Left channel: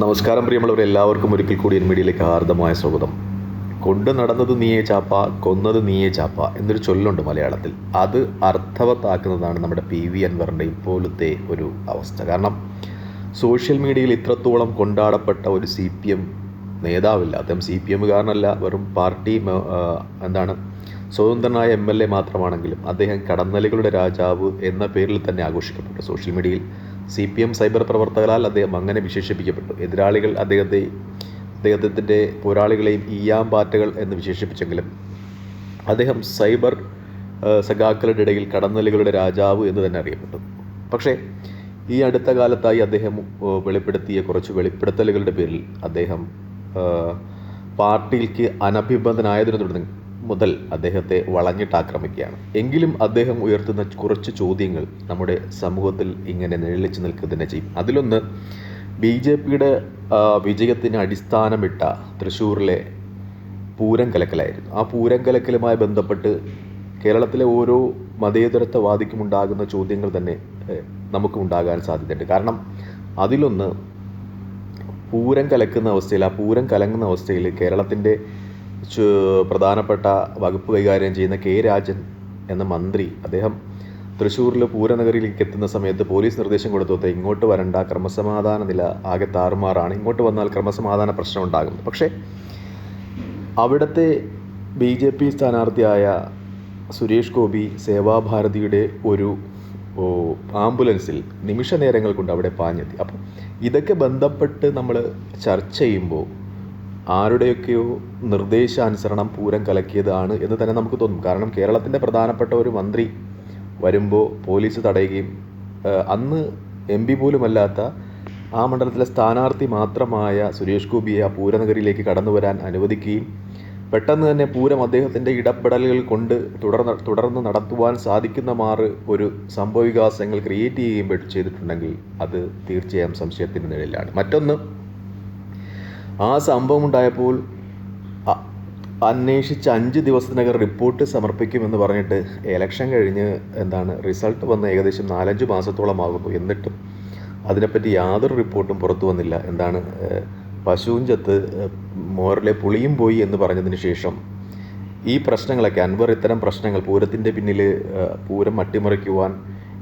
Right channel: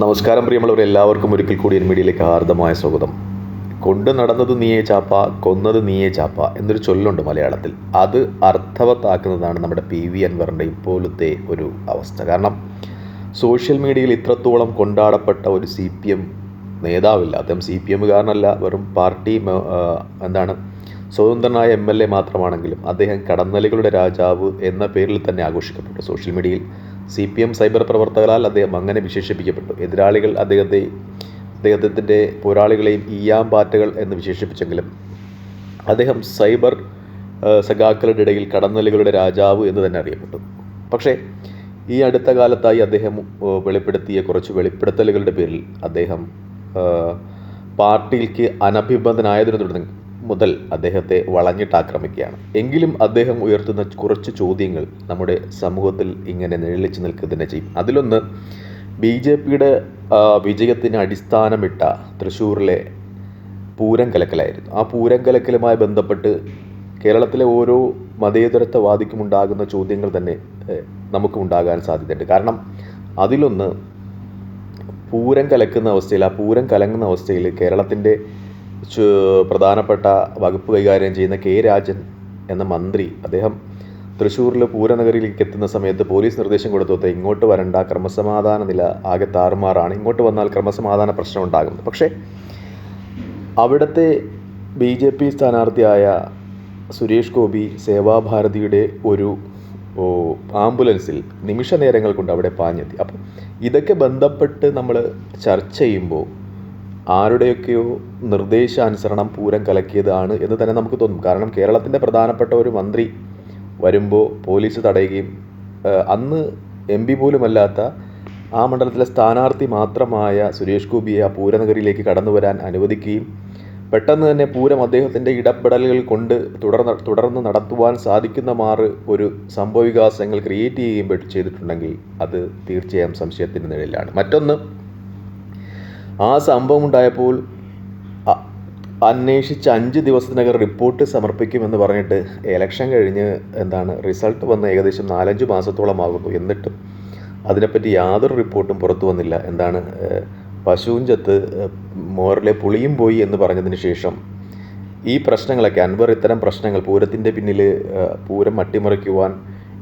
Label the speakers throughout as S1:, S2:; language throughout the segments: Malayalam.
S1: നമസ്കാരം പ്രിയമുള്ളവർ എല്ലാവർക്കും ഒരിക്കൽ കൂടി എൻ മീഡിയയിലേക്ക് ഹാർദമായ സ്വാഗതം. കൊണ്ട് നടന്നത് നീയേ ചാപ്പ കൊന്നത് നീയേ ചാപ്പ എന്നൊരു ചൊല്ലുണ്ട് മലയാളത്തിൽ. അത് അർത്ഥവത്താക്കുന്നതാണ് നമ്മുടെ പി വി അൻവറിന്റെ ഇപ്പോഴത്തെ ഒരു അവസ്ഥ. കാരണം സോഷ്യൽ മീഡിയയിൽ ഇത്രത്തോളം കൊണ്ടാടപ്പെട്ട ഒരു സി പി എം നേതാവില്ല. അദ്ദേഹം സി പി എമ്മുകാരനല്ല വെറും പാർട്ടി എന്താണ് സ്വതന്ത്രനായ എം എൽ എ മാത്രമാണെങ്കിലും അദ്ദേഹം കടന്നലുകളുടെ രാജാവ് എന്ന പേരിൽ തന്നെ ആഘോഷിക്കപ്പെട്ടു സോഷ്യൽ മീഡിയയിൽ. സി പി എം സൈബർ പ്രവർത്തകരാൽ അദ്ദേഹം അങ്ങനെ വിശേഷിപ്പിക്കപ്പെട്ടു. എതിരാളികൾ അദ്ദേഹത്തെ അദ്ദേഹത്തിന്റെ പോരാളികളെയും ഈയാമ്പാറ്റകൾ എന്ന് വിശേഷിപ്പിച്ചെങ്കിലും അദ്ദേഹം സൈബർ സഖാക്കളുടെ ഇടയിൽ കടന്നലുകളുടെ രാജാവ് എന്ന് തന്നെ അറിയപ്പെട്ടു. പക്ഷേ ഈ അടുത്ത കാലത്തായി അദ്ദേഹം വെളിപ്പെടുത്തിയ കുറച്ച് വെളിപ്പെടുത്തലുകളുടെ പേരിൽ അദ്ദേഹം പാർട്ടിക്ക് അനഭിബന്ധനായതിനെ തുടർന്ന് മുതൽ അദ്ദേഹത്തെ വളഞ്ഞിട്ട് ആക്രമിക്കുകയാണ് എങ്കിലും അദ്ദേഹം ഉയർത്തുന്ന കുറച്ച് ചോദ്യങ്ങൾ നമ്മുടെ സമൂഹത്തിൽ ഇങ്ങനെ നിഴലിച്ച് നിൽക്കുക തന്നെ ചെയ്യും. അതിലൊന്ന് ബി ജെ പിയുടെ വിജയത്തിന് അടിസ്ഥാനമിട്ട തൃശ്ശൂരിലെ പൂരം കലക്കലായിരുന്നു ആ പൂരം കലക്കലുമായി ബന്ധപ്പെട്ട് കേരളത്തിലെ ഓരോ മതേതരത്വവാദിക്കും ഉണ്ടാകുന്ന ചോദ്യങ്ങൾ തന്നെ നമുക്ക് ഉണ്ടാകാൻ സാധ്യതയുണ്ട്. കാരണം അതിലൊന്ന് പൂരം കലക്കുന്ന അവസ്ഥയിൽ ആ പൂരം കലങ്ങുന്ന അവസ്ഥയിൽ കേരളത്തിന്റെ പ്രധാനപ്പെട്ട വകുപ്പ് കൈകാര്യം ചെയ്യുന്ന കെ രാജൻ എന്ന മന്ത്രി അദ്ദേഹം തൃശ്ശൂരിൽ പൂരനഗരിയിലേക്ക് എത്തുന്ന സമയത്ത് പോലീസ് നിർദ്ദേശം കൊടുത്തോത്ത് ഇങ്ങോട്ട് വരണ്ട ക്രമസമാധാന നില ആകെ താറുമാറാണ്. ഇങ്ങോട്ട് വന്നാൽ ക്രമസമാധാന പ്രശ്നം ഉണ്ടാകും. പക്ഷേ അവിടുത്തെ ബി ജെ പി സ്ഥാനാർത്ഥിയായ സുരേഷ് ഗോപി സേവാഭാരതിയുടെ ഒരു ആംബുലൻസിൽ നിമിഷ നേരങ്ങൾ കൊണ്ട് അവിടെ പാഞ്ഞെത്തി. അപ്പം ഇതൊക്കെ ബന്ധപ്പെട്ട് നമ്മൾ ചർച്ച ചെയ്യുമ്പോൾ ആരുടെയൊക്കെയോ നിർദ്ദേശാനുസരണം പൂരം കലക്കിയതാണ് എന്ന് തന്നെ നമുക്ക് തോന്നും. കാരണം കേരളത്തിന്റെ പ്രധാനപ്പെട്ട ഒരു മന്ത്രി വരുമ്പോൾ പോലീസ് തടയുകയും അന്ന് എം പി പോലുമല്ലാത്ത ആ മണ്ഡലത്തിലെ സ്ഥാനാർത്ഥി മാത്രമായ സുരേഷ് ഗോപിയെ ആ പൂരനഗരിയിലേക്ക് കടന്നു വരാൻ അനുവദിക്കുകയും പെട്ടെന്ന് തന്നെ പൂരം അദ്ദേഹത്തിന്റെ ഇടപെടലുകൾ കൊണ്ട് തുടർന്ന് തുടർന്ന് നടത്തുവാൻ സാധിക്കുന്ന മാറ് ഒരു സംഭവവികാസങ്ങൾ ക്രിയേറ്റ് ചെയ്യുകയും ചെയ്തിട്ടുണ്ടെങ്കിൽ അത് തീർച്ചയായും സംശയത്തിന്റെ നിഴലിലാണ്. മറ്റൊന്ന് ആ സംഭവം ഉണ്ടായപ്പോൾ അന്വേഷിച്ച് അഞ്ച് ദിവസത്തിനകം റിപ്പോർട്ട് സമർപ്പിക്കുമെന്ന് പറഞ്ഞിട്ട് എലക്ഷൻ കഴിഞ്ഞ് എന്താണ് റിസൾട്ട് വന്ന് ഏകദേശം നാലഞ്ച് മാസത്തോളം ആകുന്നു എന്നിട്ടും അതിനെപ്പറ്റി യാതൊരു റിപ്പോർട്ടും പുറത്തു വന്നില്ല. എന്താണ് പശുവും ചത്ത് മോറിലെ പുളിയും പോയി എന്ന് പറഞ്ഞതിന് ശേഷം ഈ പ്രശ്നങ്ങളൊക്കെ അൻവർ ഇത്തരം പ്രശ്നങ്ങൾ പൂരത്തിന്റെ പിന്നിൽ പൂരം അട്ടിമറിക്കുവാൻ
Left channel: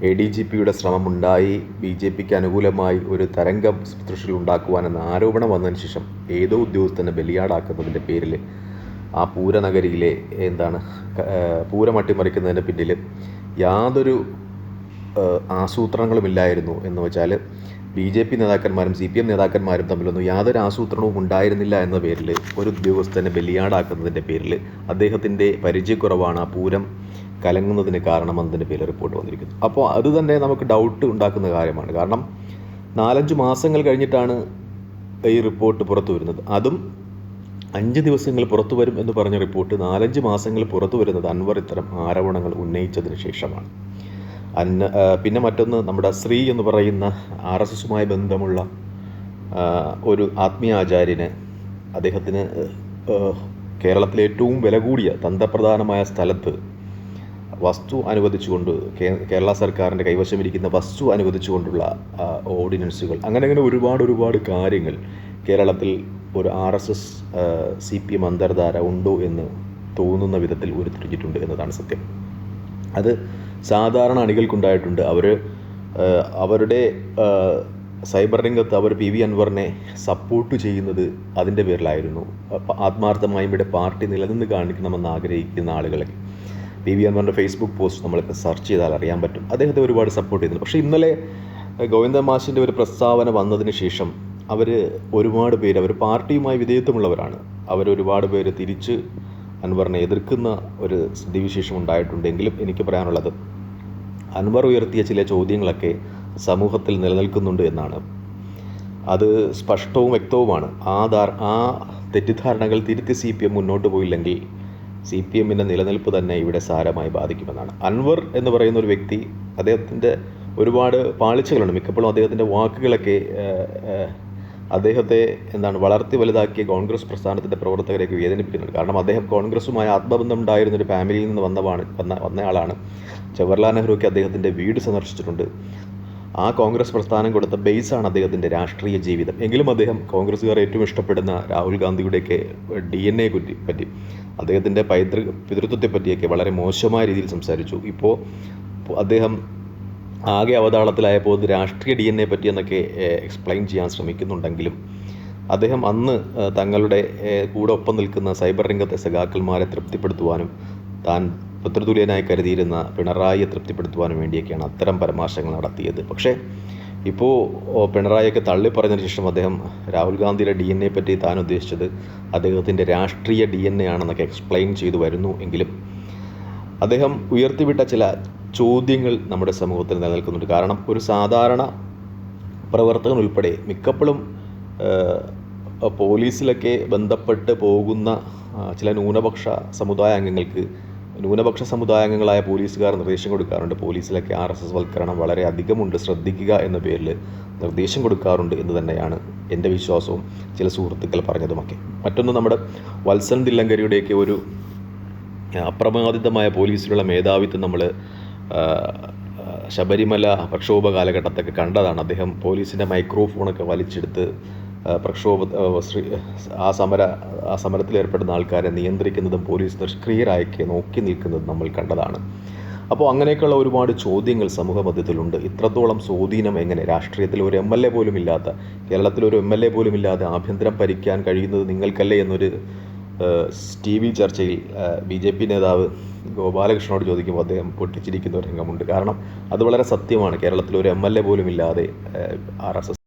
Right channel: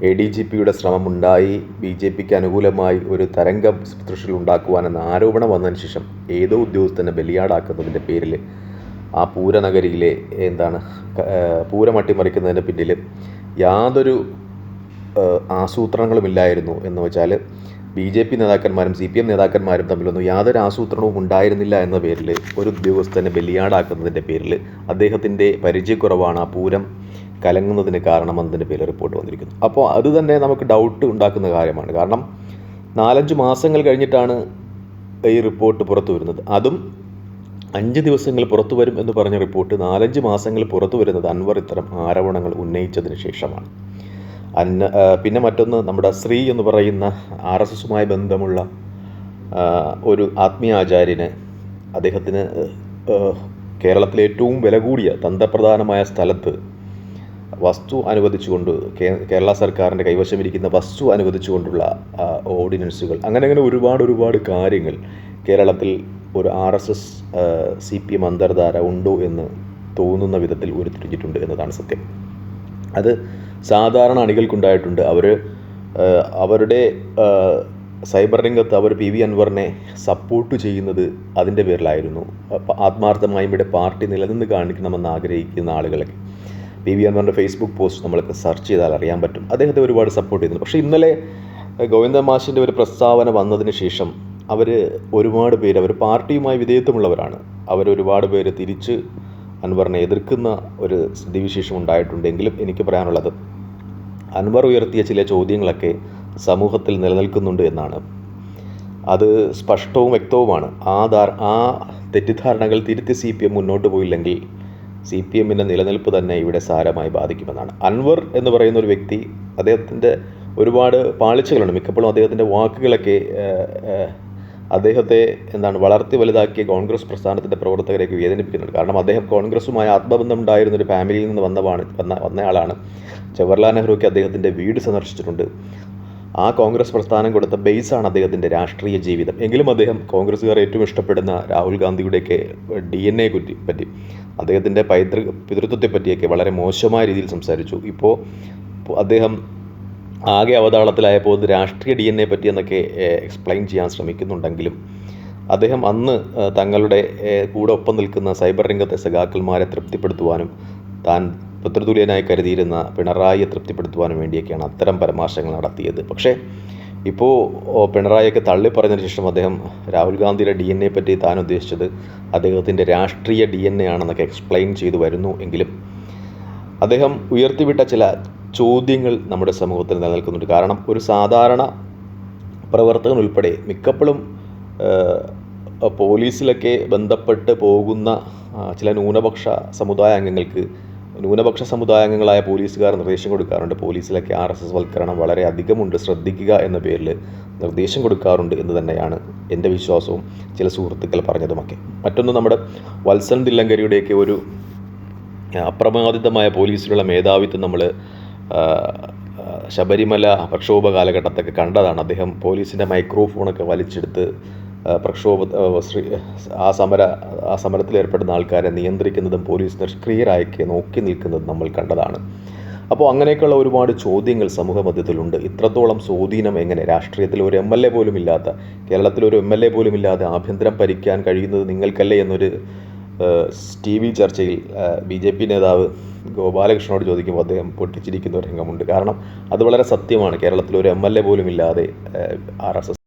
S1: എ ഡി ജി പിയുടെ ശ്രമമുണ്ടായി. ബി ജെ പിക്ക് അനുകൂലമായി ഒരു തരംഗം തൃശ്ശൂരിൽ ഉണ്ടാക്കുവാനെന്ന ആരോപണം വന്നതിന് ശേഷം ഏതോ ഉദ്യോഗസ്ഥനെ ബലിയാടാക്കുന്നതിന്റെ പേരിൽ ആ പൂരനഗരിയിലെ എന്താണ് പൂരം അട്ടിമറിക്കുന്നതിന്റെ പിന്നിൽ യാതൊരു ആസൂത്രണങ്ങളുമില്ലായിരുന്നു എന്ന് വെച്ചാൽ ബി ജെ പി നേതാക്കന്മാരും സി പി എം നേതാക്കന്മാരും തമ്മിലൊന്നും യാതൊരു ആസൂത്രണവും ഉണ്ടായിരുന്നില്ല എന്ന പേരിൽ ഒരു ഉദ്യോഗസ്ഥനെ ബലിയാടാക്കുന്നതിന്റെ പേരിൽ അദ്ദേഹത്തിന്റെ പരിചയക്കുറവാണ് ആ പൂരം കലങ്ങുന്നതിന് കാരണം എന്നതിന്റെ പേരിൽ റിപ്പോർട്ട് വന്നിരിക്കുന്നു. അപ്പോൾ അത് തന്നെ നമുക്ക് ഡൗട്ട് ഉണ്ടാക്കുന്ന കാര്യമാണ്. കാരണം നാലഞ്ച് മാസങ്ങൾ കഴിഞ്ഞിട്ടാണ് ഈ റിപ്പോർട്ട് പുറത്തു വരുന്നത്. അതും അഞ്ച് ദിവസങ്ങൾ പുറത്തു വരും എന്ന് പറഞ്ഞ റിപ്പോർട്ട് നാലഞ്ച് മാസങ്ങൾ പുറത്തു വരുന്നത് അൻവർ ഇത്തരം ആരോപണങ്ങൾ ഉന്നയിച്ചതിന് ശേഷമാണ്. അന്ന പിന്നെ മറ്റൊന്ന് നമ്മുടെ ശ്രീ എന്ന് പറയുന്ന ആർ എസ് എസുമായി ബന്ധമുള്ള ഒരു ആത്മീയാചാര്യന് അദ്ദേഹത്തിന് കേരളത്തിലെ ഏറ്റവും വില കൂടിയ തന്ത്രപ്രധാനമായ സ്ഥലത്ത് വസ്തു അനുവദിച്ചുകൊണ്ട് കേരള സർക്കാരിന്റെ കൈവശമിരിക്കുന്ന വസ്തു അനുവദിച്ചുകൊണ്ടുള്ള ഓർഡിനൻസുകൾ. അങ്ങനെ അങ്ങനെ ഒരുപാട് ഒരുപാട് കാര്യങ്ങൾ കേരളത്തിൽ ഒരു R S S C P M അന്തർധാര ഉണ്ടോ എന്ന് തോന്നുന്ന വിധത്തിൽ ഉരുത്തിരിഞ്ഞിട്ടുണ്ട് എന്നതാണ് സത്യം. അത് സാധാരണ അണികൾക്കുണ്ടായിട്ടുണ്ട്. അവർ അവരുടെ സൈബർ രംഗത്ത് അവർ പി വി അൻവറിനെ സപ്പോർട്ട് ചെയ്യുന്നത് അതിന്റെ പേരിലായിരുന്നു. ആത്മാർത്ഥമായി ഇവിടെ പാർട്ടി നിലനിന്ന് കാണിക്കണമെന്ന് ആഗ്രഹിക്കുന്ന ആളുകളൊക്കെ. പി വി അൻവറിന്റെ ഫേസ്ബുക്ക് പോസ്റ്റ് നമ്മളൊക്കെ സെർച്ച് ചെയ്താൽ അറിയാൻ പറ്റും. അദ്ദേഹത്തെ ഒരുപാട് സപ്പോർട്ട് ചെയ്യുന്നു പക്ഷേ ഇന്നലെ ഗോവിന്ദ മാഷിന്റെ ഒരു പ്രസ്താവന വന്നതിന് ശേഷം അവർ ഒരുപാട് പേര് അവർ പാർട്ടിയുമായി വിധേയത്വമുള്ളവരാണ്. അവരൊരുപാട് പേര് തിരിച്ച് അൻവറിനെ എതിർക്കുന്ന ഒരു സ്ഥിതിവിശേഷം ഉണ്ടായിട്ടുണ്ടെങ്കിലും എനിക്ക് പറയാനുള്ളത് അൻവർ ഉയർത്തിയ ചില ചോദ്യങ്ങളൊക്കെ സമൂഹത്തിൽ നിലനിൽക്കുന്നുണ്ട് എന്നാണ്. അത് സ്പഷ്ടവും വ്യക്തവുമാണ്. ആ ധാർ ആ തെറ്റിദ്ധാരണകൾ തിരുത്തി സി പി എം മുന്നോട്ട് പോയില്ലെങ്കിൽ സി പി എമ്മിന്റെ നിലനിൽപ്പ് തന്നെ ഇവിടെ സാരമായി ബാധിക്കുമെന്നാണ്. അൻവർ എന്ന് പറയുന്ന ഒരു വ്യക്തി അദ്ദേഹത്തിന്റെ ഒരുപാട് പാളിച്ചകളുണ്ട്. മിക്കപ്പോഴും അദ്ദേഹത്തിന്റെ വാക്കുകളൊക്കെ അദ്ദേഹത്തെ എന്താണ് വളർത്തി വലുതാക്കിയ കോൺഗ്രസ് പ്രസ്ഥാനത്തിന്റെ പ്രവർത്തകരെയൊക്കെ വേദനിപ്പിക്കുന്നുണ്ട്. കാരണം അദ്ദേഹം കോൺഗ്രസ്സുമായി ആത്മബന്ധം ഉണ്ടായിരുന്ന ഒരു ഫാമിലിയിൽ നിന്ന് വന്നതാണ് വന്ന വന്നയാളാണ്. ജവഹർലാൽ നെഹ്റുക്ക് അദ്ദേഹത്തിന്റെ വീട് സന്ദർശിച്ചിട്ടുണ്ട്. ആ കോൺഗ്രസ് പ്രസ്ഥാനം കൊടുത്ത ബേസാണ് അദ്ദേഹത്തിന്റെ രാഷ്ട്രീയ ജീവിതം. എങ്കിലും അദ്ദേഹം കോൺഗ്രസ്സുകാർ ഏറ്റവും ഇഷ്ടപ്പെടുന്ന രാഹുൽ ഗാന്ധിയുടെയൊക്കെ ഡി എൻ എ പറ്റി പറ്റി അദ്ദേഹത്തിന്റെ പൈതൃ പിതൃത്വത്തെ പറ്റിയൊക്കെ വളരെ മോശമായ രീതിയിൽ സംസാരിച്ചു. ഇപ്പോൾ അദ്ദേഹം ആകെ അവതാളത്തിലായപ്പോൾ ഇത് രാഷ്ട്രീയ ഡി എൻ എ പറ്റി എന്നൊക്കെ എക്സ്പ്ലെയിൻ ചെയ്യാൻ ശ്രമിക്കുന്നുണ്ടെങ്കിലും അദ്ദേഹം അന്ന് തങ്ങളുടെ കൂടെ ഒപ്പം നിൽക്കുന്ന സൈബർ രംഗത്തെ സഖാക്കന്മാരെ തൃപ്തിപ്പെടുത്തുവാനും താൻ പുത്രതുല്യനായി കരുതിയിരുന്ന പിണറായിയെ തൃപ്തിപ്പെടുത്തുവാനും വേണ്ടിയൊക്കെയാണ് അത്തരം പരാമർശങ്ങൾ നടത്തിയത്. പക്ഷേ ഇപ്പോൾ പിണറായിയൊക്കെ തള്ളി പറഞ്ഞതിന് ശേഷം അദ്ദേഹം രാഹുൽ ഗാന്ധിയുടെ ഡി എൻ എ പറ്റി താൻ ഉദ്ദേശിച്ചത് അദ്ദേഹത്തിന്റെ രാഷ്ട്രീയ ഡി എൻ എ ആണെന്നൊക്കെ എക്സ്പ്ലെയിൻ ചെയ്തു വരുന്നു എങ്കിലും അദ്ദേഹം ഉയർത്തിവിട്ട ചില ചോദ്യങ്ങൾ നമ്മുടെ സമൂഹത്തിൽ നിലനിൽക്കുന്നുണ്ട്. കാരണം ഒരു സാധാരണ പ്രവർത്തകൻ ഉൾപ്പെടെ മിക്കപ്പോഴും പോലീസിലൊക്കെ ബന്ധപ്പെട്ട് പോകുന്ന ചില ന്യൂനപക്ഷ സമുദായ അംഗങ്ങൾക്ക് ന്യൂനപക്ഷ സമുദായ അംഗങ്ങളായ പോലീസുകാർ നിർദ്ദേശം കൊടുക്കാറുണ്ട്. പോലീസിലൊക്കെ ആർ എസ് എസ് വൽക്കരണം വളരെ അധികമുണ്ട്. ശ്രദ്ധിക്കുക എന്ന പേരിൽ നിർദ്ദേശം കൊടുക്കാറുണ്ട് എന്ന് തന്നെയാണ് എന്റെ വിശ്വാസവും ചില സുഹൃത്തുക്കൾ പറഞ്ഞതുമൊക്കെ. മറ്റൊന്ന് നമ്മുടെ വത്സൻ തില്ലങ്കരിയുടെയൊക്കെ ഒരു അപ്രമാദിതമായ പോലീസിലുള്ള മേധാവിത്വം നമ്മൾ ശബരിമല പ്രക്ഷോഭ കാലഘട്ടത്തൊക്കെ കണ്ടതാണ്. അദ്ദേഹം പോലീസിന്റെ മൈക്രോഫോണൊക്കെ വലിച്ചെടുത്ത് പ്രക്ഷോഭ ആ, സമര ആ സമരത്തിൽ ഏർപ്പെടുന്ന ആൾക്കാരെ നിയന്ത്രിക്കുന്നതും പോലീസ് നിഷ്ക്രിയരായൊക്കെ നോക്കി നിൽക്കുന്നതും നമ്മൾ കണ്ടതാണ്. അപ്പോൾ അങ്ങനെയൊക്കെയുള്ള ഒരുപാട് ചോദ്യങ്ങൾ സമൂഹ മധ്യത്തിലുണ്ട്. ഇത്രത്തോളം സ്വാധീനം എങ്ങനെ? രാഷ്ട്രീയത്തിൽ ഒരു എം എൽ എ പോലും ഇല്ലാത്ത കേരളത്തിൽ ഒരു എം എൽ എ പോലും ഇല്ലാതെ ആഭ്യന്തരം ഭരിക്കാൻ കഴിയുന്നത് നിങ്ങൾക്കല്ലേ എന്നൊരു ടി വി ചർച്ചയിൽ ബി ജെ പി നേതാവ് ഗോപാലകൃഷ്ണനോട് ചോദിക്കുമ്പോൾ അദ്ദേഹം പൊട്ടിച്ചിരിക്കുന്ന ഒരു രംഗമുണ്ട്. കാരണം അത് വളരെ സത്യമാണ്. കേരളത്തിൽ ഒരു എം എൽ എ പോലും ഇല്ലാതെ ആർ എസ് എസ്